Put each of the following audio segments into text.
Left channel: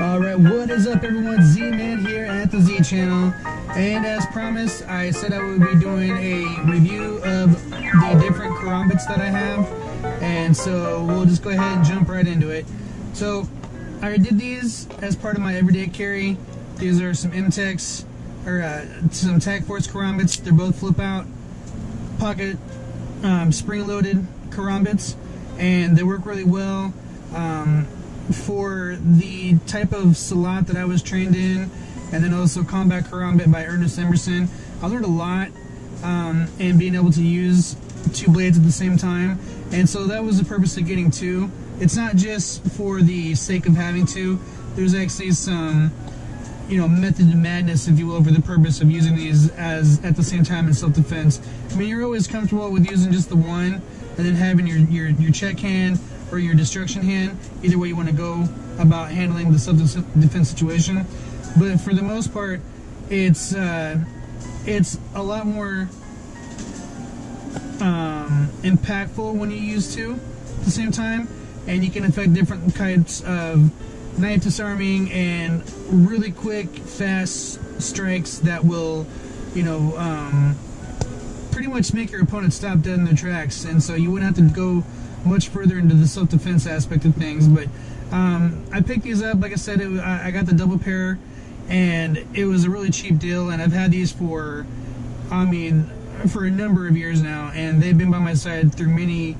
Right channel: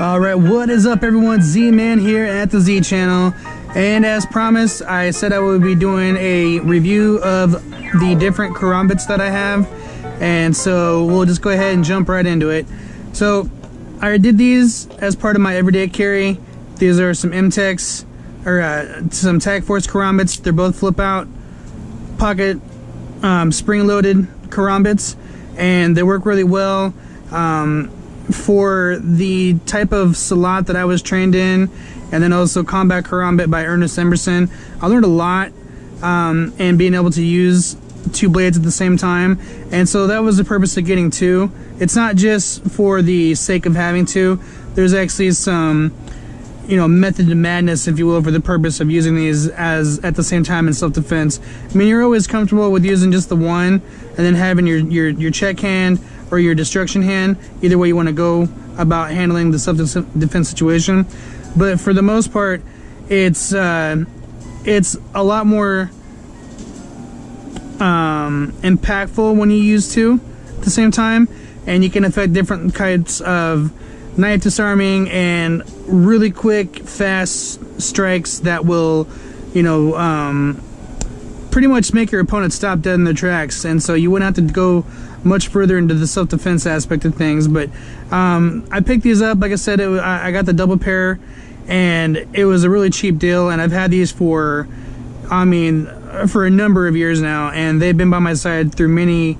Alright, what is up everyone? Z-Man here at the Z channel, and as promised I said I would be doing a review of the different Karambits that I have, and so we'll just go ahead and jump right into it. So I did these as part of my everyday carry. These are some Intex, or some Tag Force Karambits. They're both flip out pocket spring loaded Karambits, and they work really well for the type of Silat that I was trained in, and then also Combat Karambit by Ernest Emerson. I learned a lot and being able to use two blades at the same time, and so that was the purpose of getting two. It's not just for the sake of having two. There's actually some, you know, method to madness, if you will, for the purpose of using these as at the same time in self-defense. I mean, you're always comfortable with using just the one and then having your check hand or your destruction hand, either way you want to go about handling the self-defense situation. But for the most part, it's a lot more impactful when you use two at the same time, and you can affect different types of knife disarming and really quick, fast strikes that will, you know, pretty much make your opponent stop dead in their tracks. And so you wouldn't have to go much further into the self-defense aspect of things. But I picked these up, like I said, I got the double pair, and it was a really cheap deal, and I've had these for, I mean, for a number of years now, and they've been by my side through many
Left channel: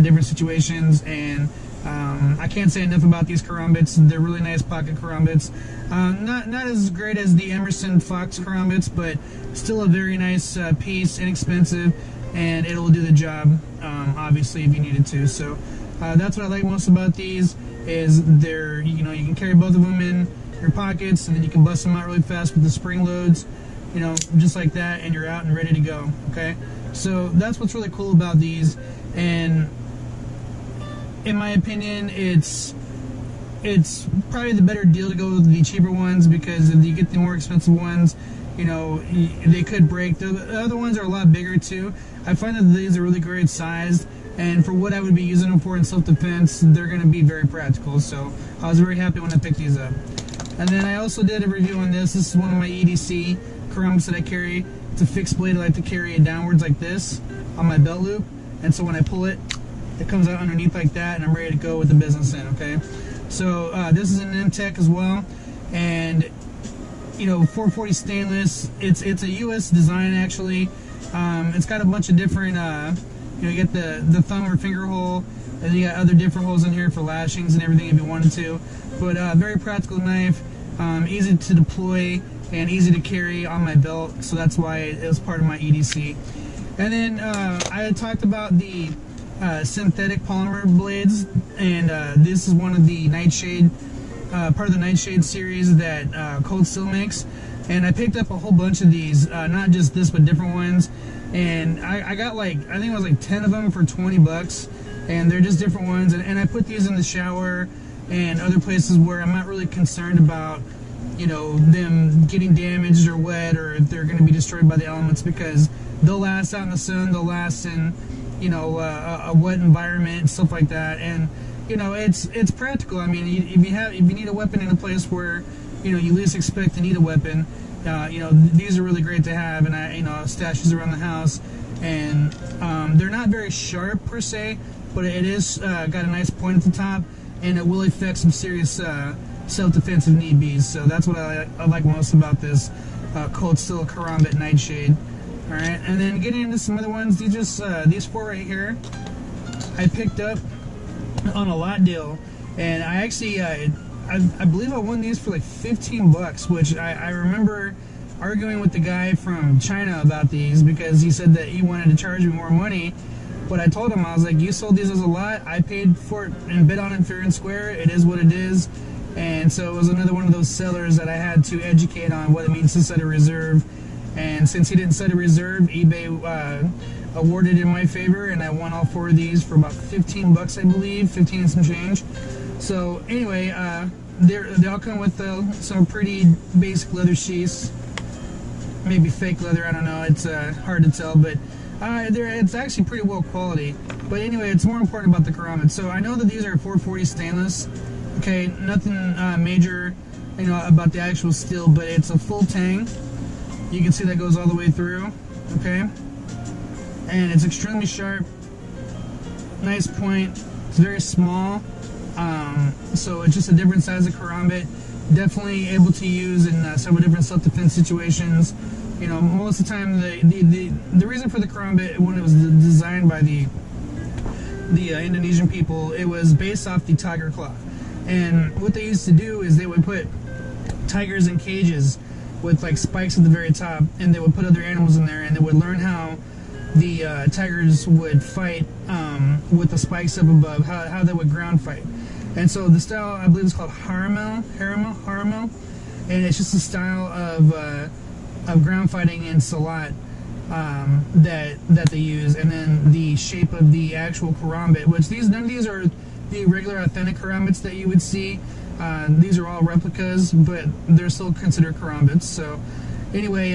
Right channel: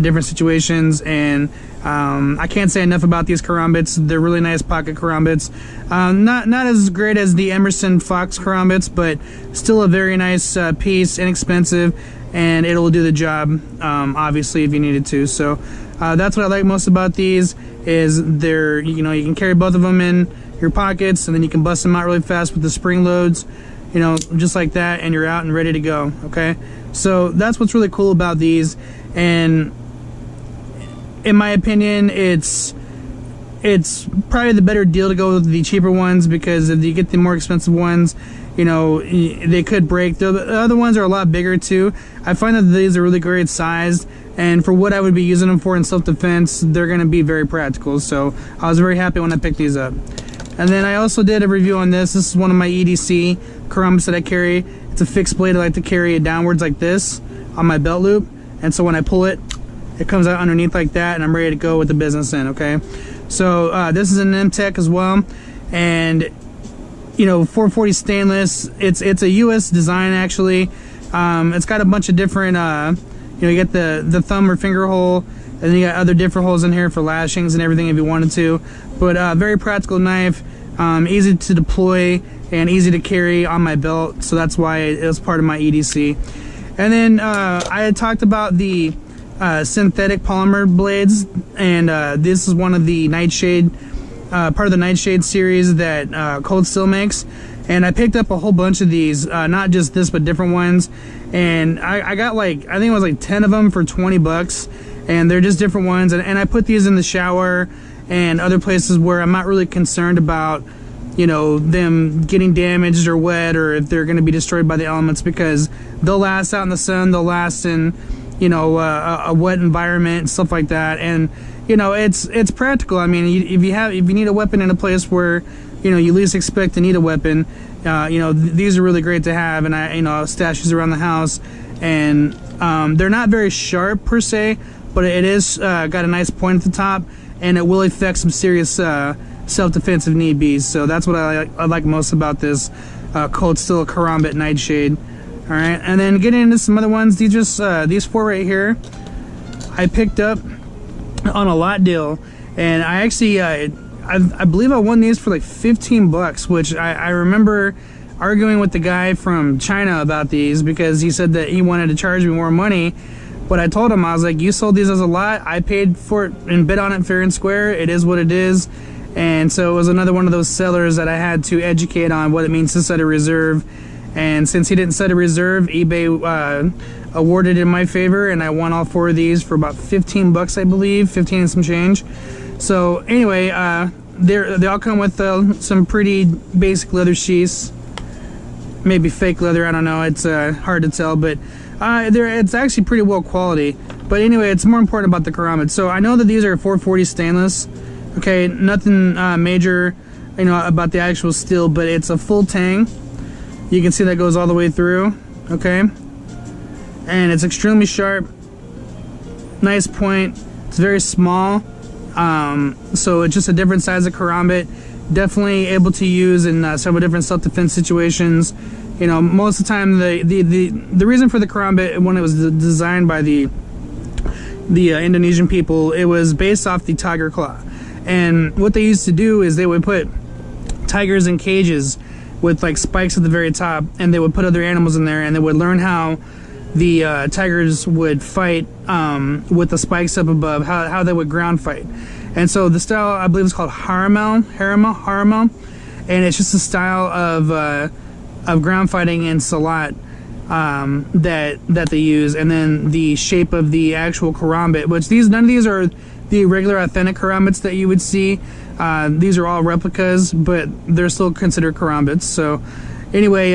different situations. And I can't say enough about these Karambits. They're really nice pocket Karambits. Not as great as the Emerson Fox Karambits, but still a very nice piece, inexpensive, and it'll do the job, obviously, if you needed to. So that's what I like most about these, is they're, you know, you can carry both of them in your pockets, and then you can bust them out really fast with the spring loads, you know, just like that, and you're out and ready to go. Okay, so that's what's really cool about these. And in my opinion, it's probably the better deal to go with the cheaper ones, because if you get the more expensive ones, you know, they could break. The other ones are a lot bigger too. I find that these are really great sized, and for what I would be using them for in self-defense, they're going to be very practical. So I was very happy when I picked these up. And then I also did a review on this. This is one of my EDC Karambits that I carry. It's a fixed blade. I like to carry it downwards like this on my belt loop, and so when I pull it, it comes out underneath like that, and I'm ready to go with the business in. Okay, so this is an MTech as well, and you know, 440 stainless. It's a U.S. design actually. It's got a bunch of different, you know, you get the thumb or finger hole, and then you got other different holes in here for lashings and everything if you wanted to. But very practical knife, easy to deploy and easy to carry on my belt. So that's why it was part of my EDC. And then I had talked about the synthetic polymer blades, and this is one of the Nightshade, part of the Nightshade series that Cold Steel makes. And I picked up a whole bunch of these, not just this, but different ones. And I got like, I think it was like 10 of them for 20 bucks. And they're just different ones. And I put these in the shower and other places where I'm not really concerned about, you know, them getting damaged or wet, or if they're going to be destroyed by the elements, because they'll last out in the sun, they'll last in, you know, a wet environment and stuff like that. And you know, it's practical. I mean, if you need a weapon in a place where, you know, you least expect to need a weapon, you know, these are really great to have. And I, you know, stash these around the house, and they're not very sharp per se, but it is got a nice point at the top, and it will affect some serious self-defense if need be. So that's what I like most about this. Cold Steel Karambit Nightshade. All right, and then getting into some other ones. These 4 right here, I picked up on a lot deal, and I actually I believe I won these for like 15 bucks, which I remember arguing with the guy from China about these because he said that he wanted to charge me more money. But I told him, I was like, you sold these as a lot, I paid for it and bid on it fair and square, it is what it is. And so it was another one of those sellers that I had to educate on what it means to set a reserve. And since he didn't set a reserve, eBay awarded in my favor, and I won all 4 of these for about 15 bucks, I believe, 15 and some change. So anyway, they all come with some pretty basic leather sheaths, maybe fake leather, I don't know, it's hard to tell, but it's actually pretty well quality. But anyway, it's more important about the Karambit. So I know that these are 440 stainless, okay, nothing major, you know, about the actual steel, but it's a full tang. You can see that goes all the way through, okay, and it's extremely sharp, nice point, it's very small, so it's just a different size of Karambit, definitely able to use in several different self-defense situations. You know, most of the time the reason for the Karambit, when it was designed by the Indonesian people, it was based off the tiger claw, and what they used to do is they would put tigers in cages with like spikes at the very top, and they would put other animals in there, and they would learn how the tigers would fight with the spikes up above, how they would ground fight. And so the style, I believe, is called haramel, and it's just a style of ground fighting in Silat that they use. And then the shape of the actual Karambit, which none of these are the regular authentic Karambits that you would see. These are all replicas, but they're still considered Karambits. So anyway,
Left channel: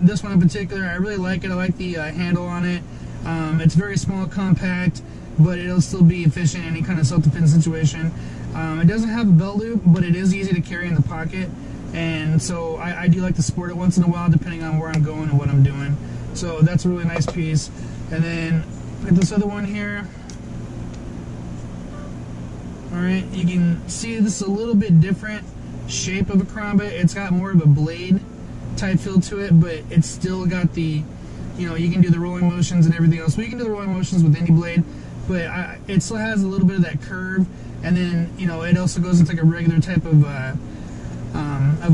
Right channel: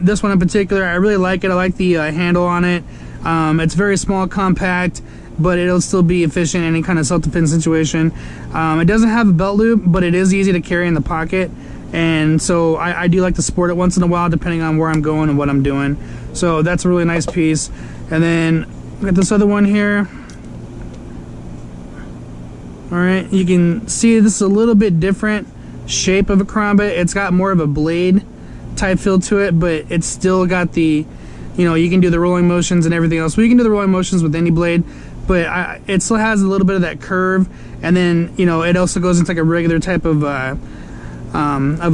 this one in particular, I really like it. I like the handle on it. It's very small, compact, but it'll still be efficient in any kind of self-defense situation. It doesn't have a belt loop, but it is easy to carry in the pocket, and so I do like to sport it once in a while, depending on where I'm going and what I'm doing. So that's a really nice piece. And then we got this other one here. Alright, you can see this is a little bit different shape of a Karambit. It's got more of a blade type feel to it, but it's still got the, you know, you can do the rolling motions and everything else. Well, you can do the rolling motions with any blade, but it still has a little bit of that curve, and then, you know, it also goes into like a regular type of a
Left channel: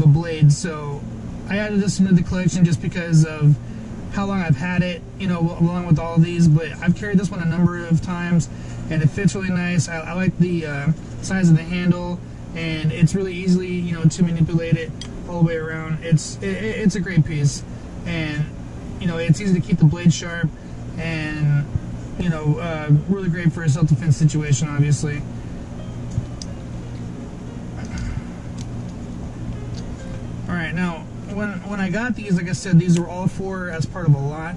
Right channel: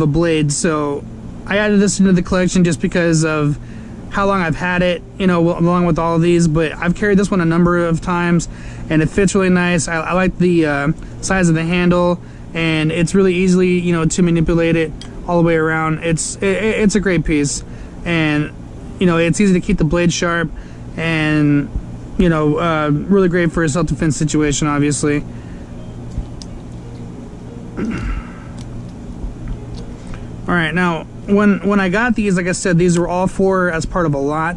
blade. So I added this into the collection just because of how long I've had it, you know, along with all of these, but I've carried this one a number of times, and it fits really nice. I like the size of the handle, and it's really easily, you know, to manipulate it all the way around. It's a great piece, and, you know, it's easy to keep the blade sharp, and, you know, really great for a self-defense situation, obviously. Alright, now, when I got these, like I said, these were all 4 as part of a lot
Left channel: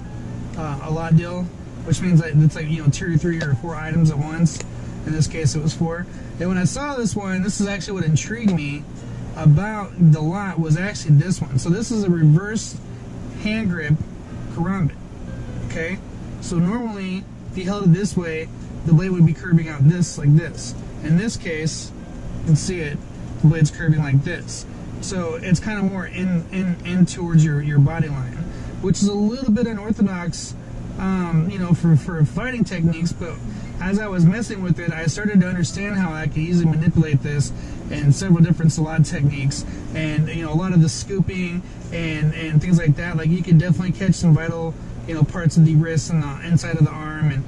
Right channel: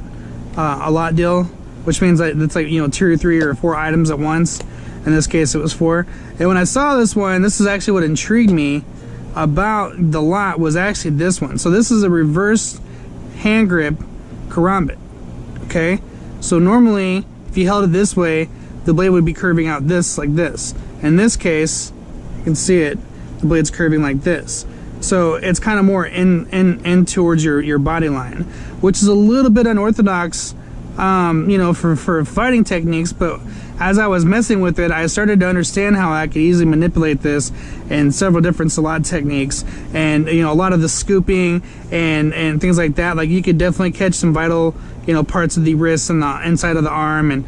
deal, which means that it's like, you know, 2 or 3 or 4 items at once. In this case, it was 4. And when I saw this one, this is actually what intrigued me about the lot, was actually this one. So this is a reverse hand grip Karambit, okay? So normally, if you held it this way, the blade would be curving out this, like this. In this case, you can see it, the blade's curving like this. So it's kind of more in towards your body line, which is a little bit unorthodox, you know, for fighting techniques. But as I was messing with it, I started to understand how I could easily manipulate this in several different Silat techniques, and, you know, a lot of the scooping and things like that. Like, you could definitely catch some vital, you know, parts of the wrist and the inside of the arm, and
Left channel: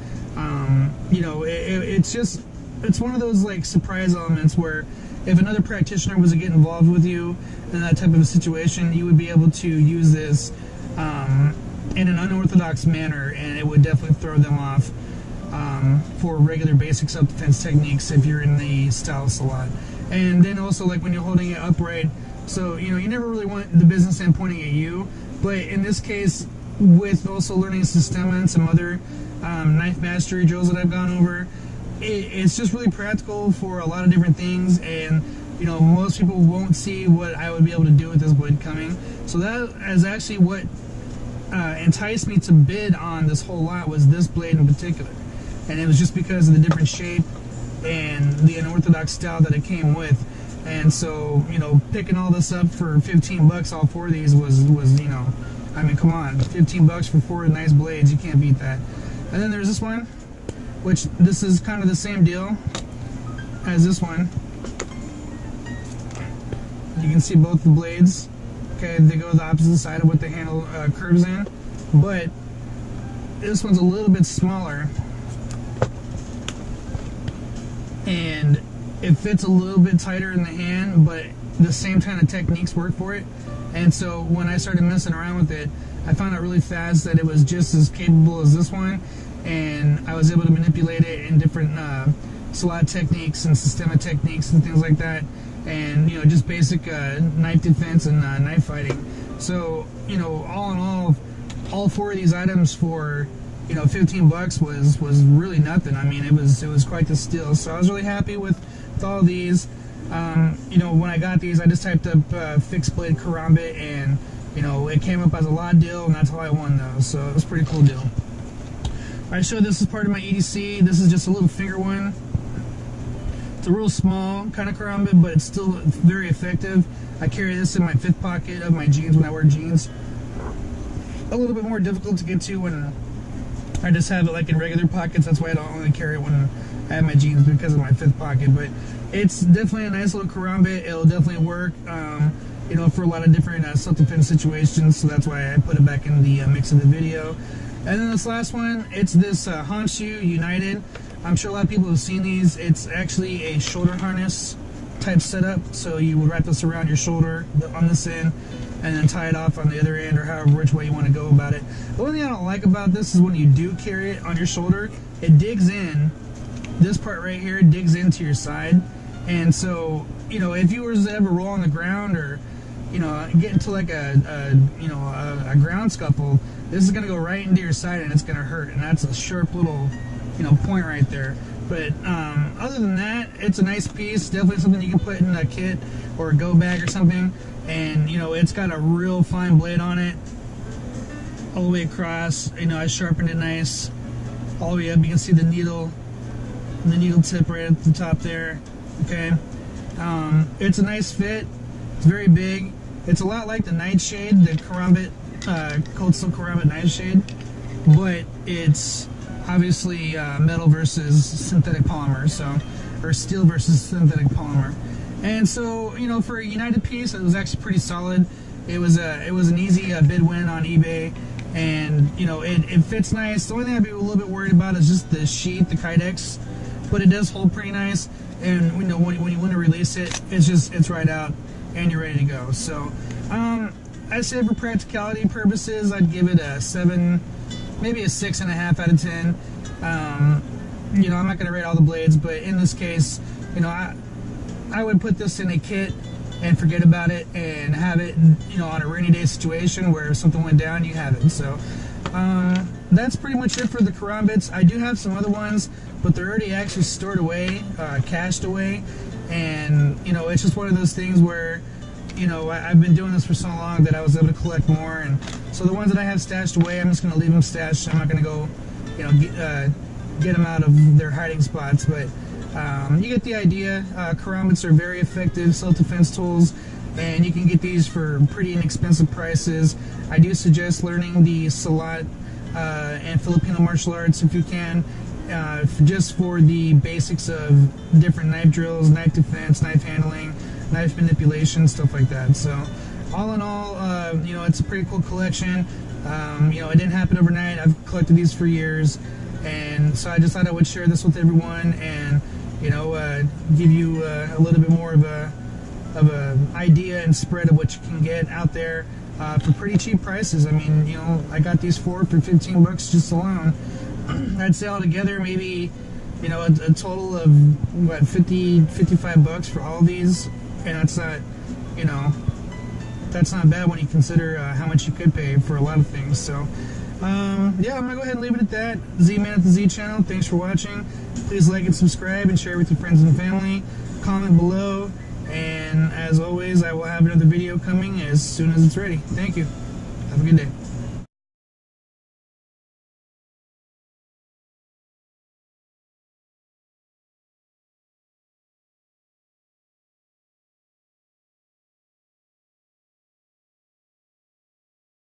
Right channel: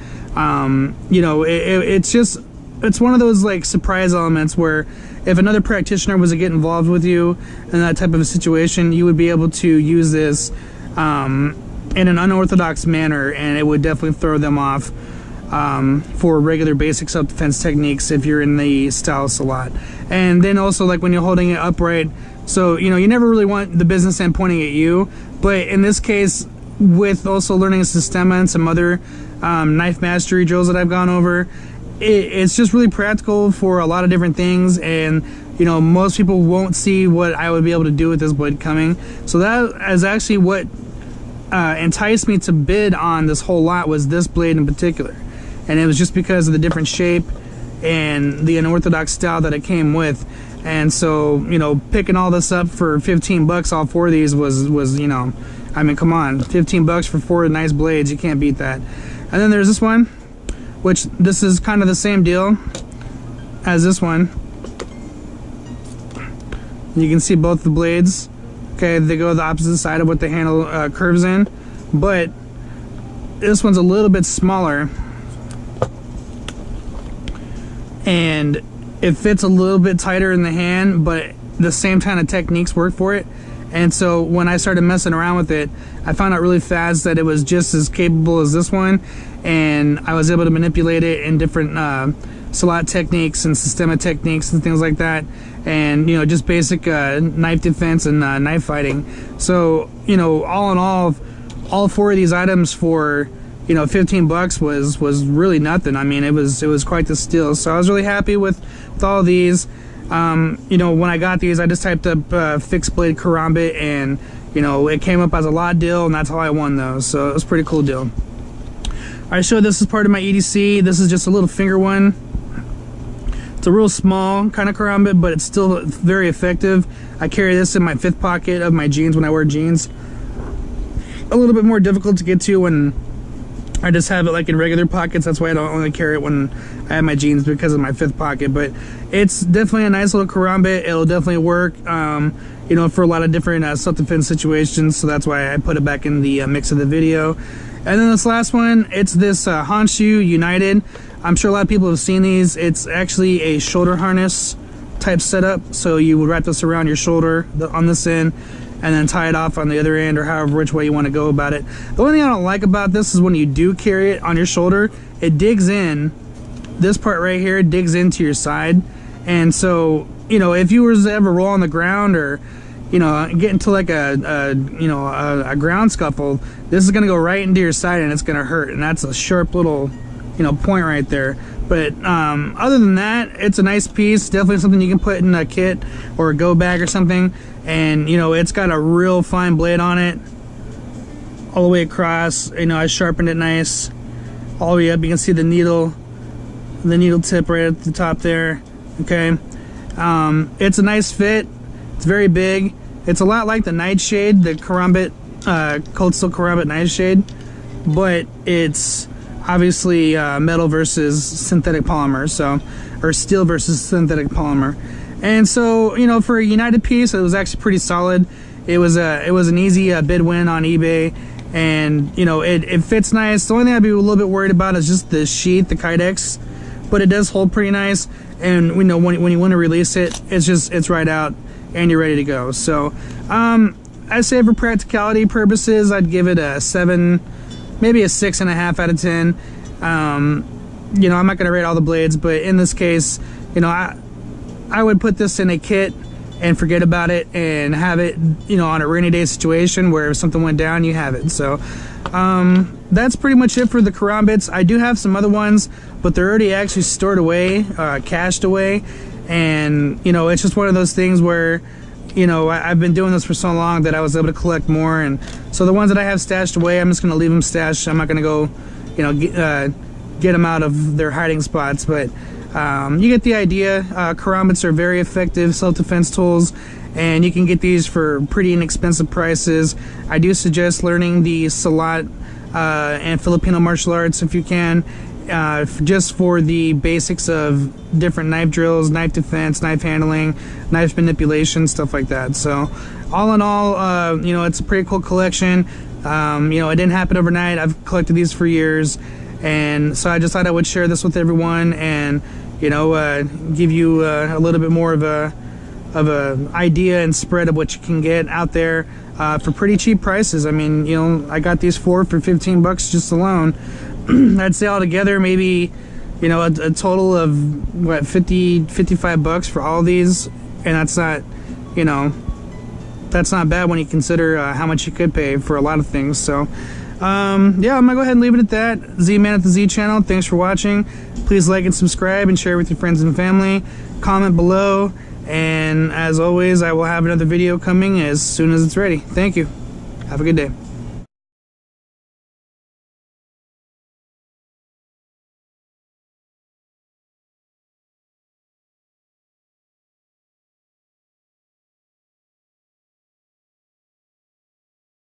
you know, it's one of those like surprise elements where if another practitioner was to get involved with you in that type of a situation, you would be able to use this in an unorthodox manner, and it would definitely throw them off for regular basic self-defense techniques if you're in the style Silat. And then also, like, when you're holding it upright, so, you know, you never really want the business end pointing at you, but in this case, with also learning a Systema and some other knife mastery drills that I've gone over, it's just really practical for a lot of different things. And, you know, most people won't see what I would be able to do with this blade coming. So that is actually what enticed me to bid on this whole lot, was this blade in particular. And it was just because of the different shape and the unorthodox style that it came with. And so, you know, picking all this up for 15 bucks, all 4 of these was, you know, I mean, come on, 15 bucks for 4 nice blades, you can't beat that. And then there's this one, which this is kind of the same deal as this one. You can see both the blades. Okay, they go the opposite side of what the handle curves in, but this one's a little bit smaller, and it fits a little bit tighter in the hand, but the same kind of techniques work for it. And so when I started messing around with it, I found out really fast that it was just as capable as this one, and I was able to manipulate it in different Silat techniques and Systema techniques and things like that, and you know, just basic knife defense and knife fighting. So, you know, all in all 4 of these items for, you know, 15 bucks was really nothing. I mean, it was quite the steal. So I was really happy with all of these. You know, when I got these, I just typed up fixed blade Karambit, and you know, it came up as a lot deal, and that's how I won those. So it was a pretty cool deal. I showed this as part of my EDC. This is just a little finger one. It's a real small kind of Karambit, but it's still very effective. I carry this in my 5th pocket of my jeans when I wear jeans. A little bit more difficult to get to when I just have it like in regular pockets. That's why I don't only carry it when I have my jeans, because of my 5th pocket. But it's definitely a nice little Karambit. It'll definitely work, you know, for a lot of different self-defense situations. So that's why I put it back in the mix of the video. And then this last one, it's this Honshu United. I'm sure a lot of people have seen these. It's actually a shoulder harness type setup. So you would wrap this around your shoulder on this end, and then tie it off on the other end, or however which way you want to go about it. The only thing I don't like about this is when you do carry it on your shoulder, it digs in. This part right here digs into your side, and so, you know, if you were to ever roll on the ground, or you know, get into like a ground scuffle, this is gonna go right into your side, and it's gonna hurt. And that's a sharp little, you know, point right there. But other than that, it's a nice piece. Definitely something you can put in a kit or a go bag or something. And you know, it's got a real fine blade on it all the way across. You know, I sharpened it nice all the way up. You can see the needle tip right at the top there. Okay, it's a nice fit. It's very big. It's a lot like the Nightshade, the Karambit, Cold Steel Karambit Nightshade, but it's obviously metal versus synthetic polymer, so, or steel versus synthetic polymer. And so, you know, for a United piece, it was actually pretty solid. It was an easy bid win on eBay, and you know, it fits nice. The only thing I'd be a little bit worried about is just the sheath, the Kydex, but it does hold pretty nice. And you know, when you want to release it, it's right out, and you're ready to go. So I'd say for practicality purposes, I'd give it a 7, maybe a 6.5 out of 10. You know, I'm not going to rate all the blades, but in this case, you know, I would put this in a kit and forget about it, and have it, you know, on a rainy day situation where if something went down, you have it. So that's pretty much it for the Karambits. I do have some other ones, but they're already actually stored away, cached away, and you know, it's just one of those things where, you know, I've been doing this for so long that I was able to collect more, and so the ones that I have stashed away, I'm just going to leave them stashed. I'm not going to go, you know, get them out of their hiding spots, but you get the idea. Karambits are very effective self-defense tools, and you can get these for pretty inexpensive prices. I do suggest learning the Silat and Filipino martial arts if you can, just for the basics of different knife drills, knife defense, knife handling, knife manipulation, stuff like that. So all in all, you know, it's a pretty cool collection. You know, it didn't happen overnight. I've collected these for years, and so I just thought I would share this with everyone, and you know, give you a little bit more of a idea and spread of what you can get out there for pretty cheap prices. I mean, you know, I got these for 15 bucks just alone. I'd say altogether maybe, you know, a total of what, 55 bucks for all these, and that's not, you know, that's not bad when you consider how much you could pay for a lot of things. So yeah, I'm gonna go ahead and leave it at that. Z-Man at the Z channel, thanks for watching. Please like and subscribe and share with your friends and family. Comment below, and as always, I will have another video coming as soon as it's ready. Thank you. Have a good day.